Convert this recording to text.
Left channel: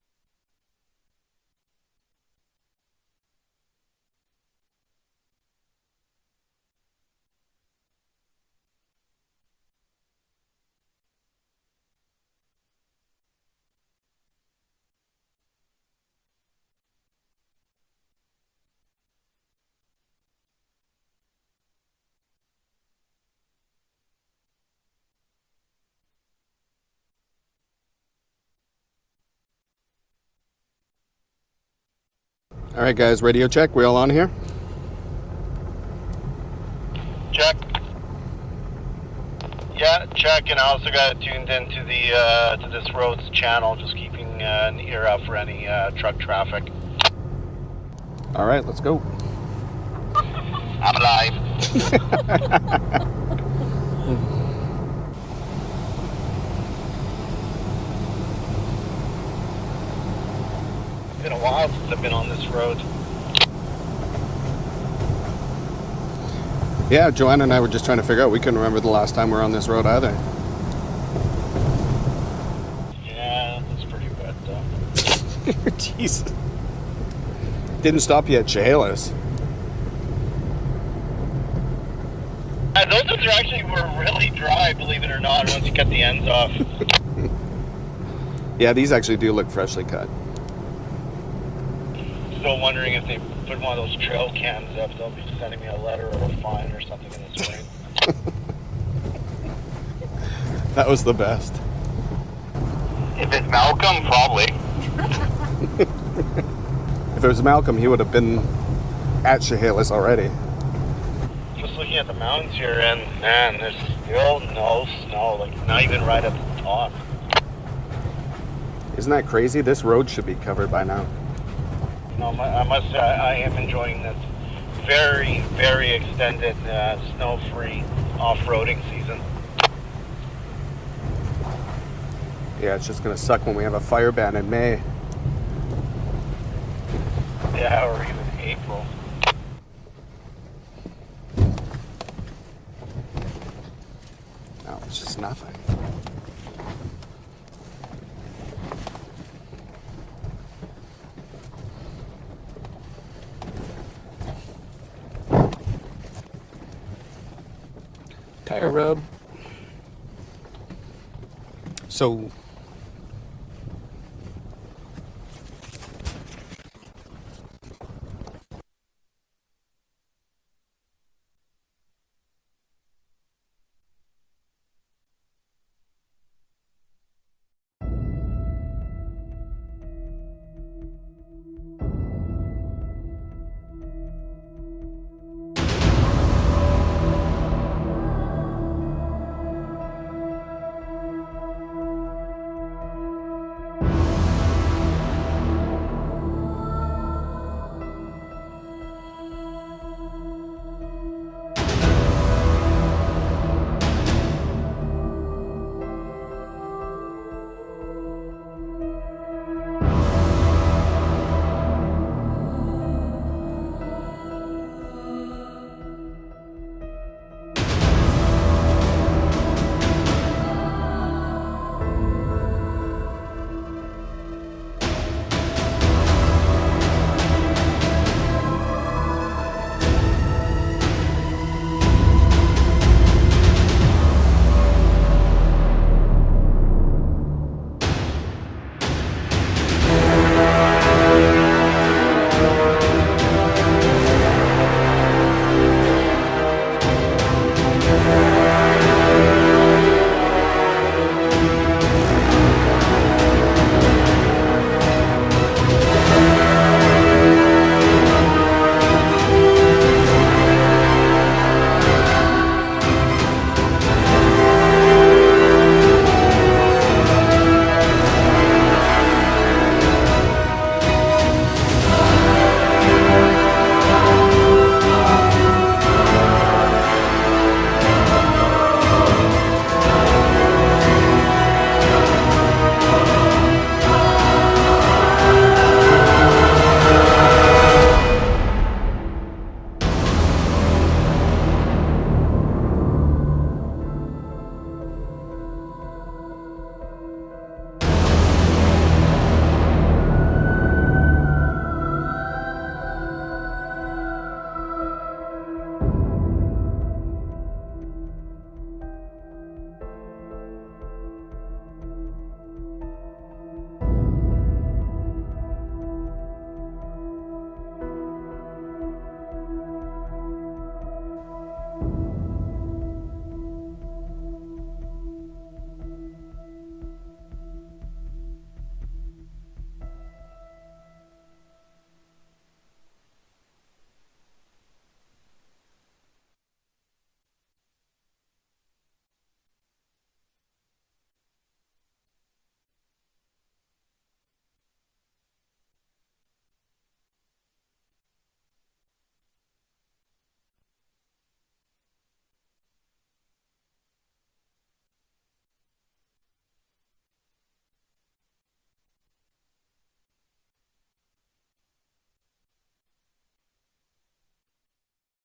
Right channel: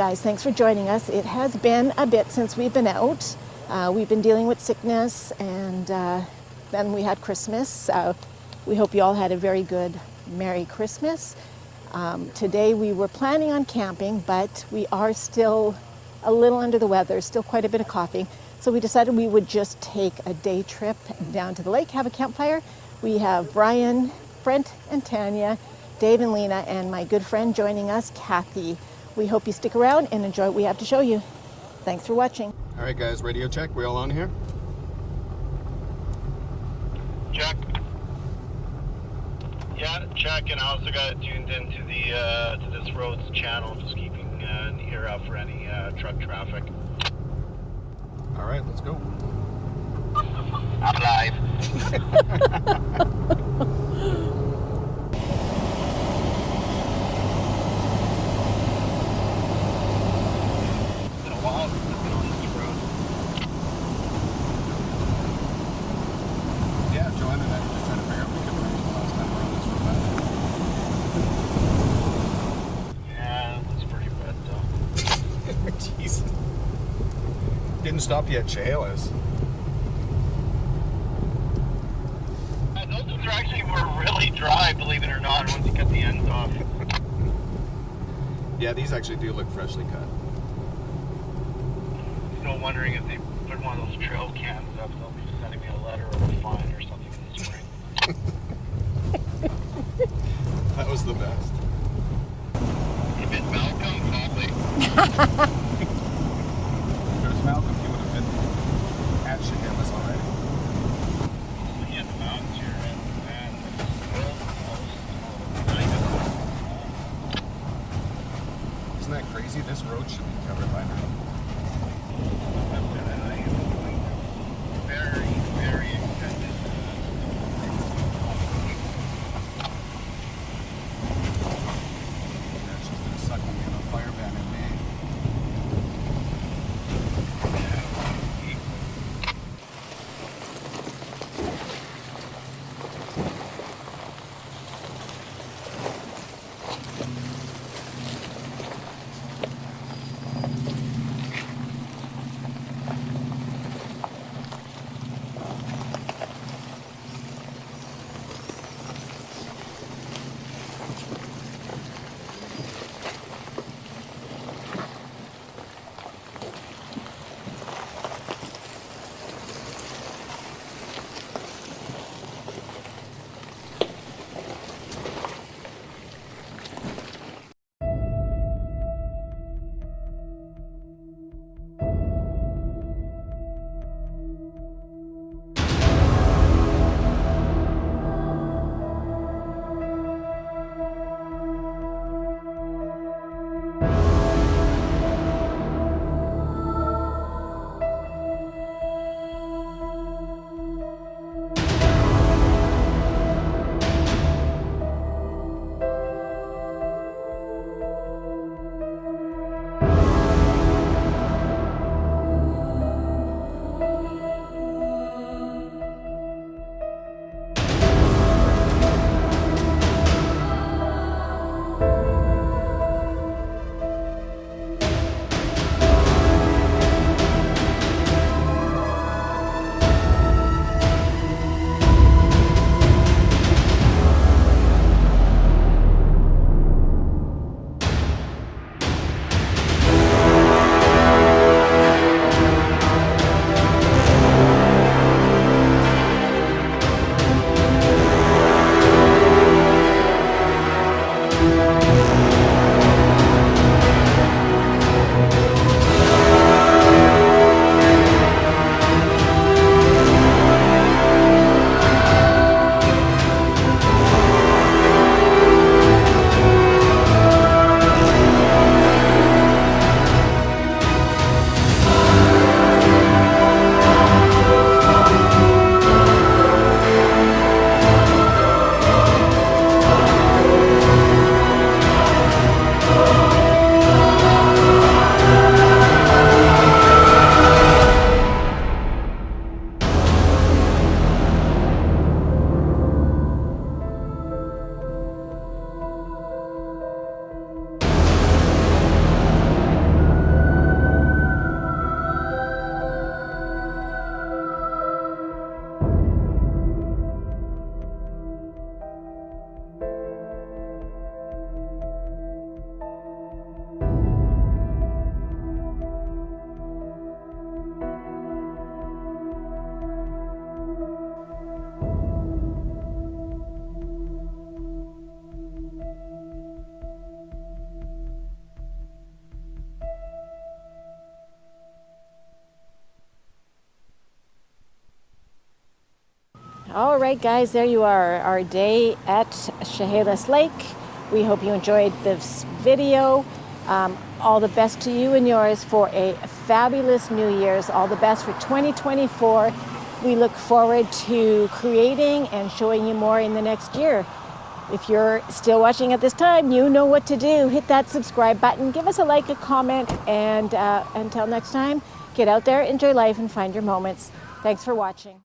guys, thanks for joining us. It has been a bit since we've been out. We've been dealing with sickness, and then we had Christmas. We hope you all had a very good Merry Christmas. Today we were planning on camping, but we are still a little under the weather, still quite a bit of coughing. So we decided we would just take a day trip down to the lake, have a campfire. We have Brian, Brent, and Tanya, Dave and Lena, and my good friend joining us, Kathy. We hope you stick around and enjoy what we have to show you. Thanks for watching. All right, guys, radio check. We all on here? Check. Yeah, check. And I also got it tuned into the to this road's channel, just keeping an ear out for any truck traffic. All right, let's go. I'm alive. It's been a while since I've been on this road. Yeah, Joanna and I were just trying to figure out. We couldn't remember the last time we were on this road either. Yeah, it was pretty wet though. Jesus. Didn't stop you at Chehalis. Those ones were really dry, believe it or not, once you cut the ends off. Yeah, these actually do look freshly cut. Still wondering if they put one of those trail cans up, they'll be sending me a letter or a fine or something in this way. That was the best. If it's Malcolm, probably. If it was Malcolm, he would have been at Chehalis already. Just looking at the mountains here, and man, there's still no snow, like not even right up the top. Isn't that crazy? This road should be covered by now. No, I must say, I am enjoying this very, very extended snow-free off-roading season. Yeah, it's just going to suck when we have a fire ban in May. Yeah, or even April. No, it's just nothing. Tire rub. So All right, guys, there you are, our day at Chehalis Lake. We hope you enjoyed this video. All the best to you and yours for a fabulous New Year's. All the best for 2024. We look forward to creating and showing you more in the next year. If you're still watching at this time, you know what to do. Hit that subscribe button, give us a like, a comment, and until next time, get out there, enjoy life, and find your moments. Thanks for watching.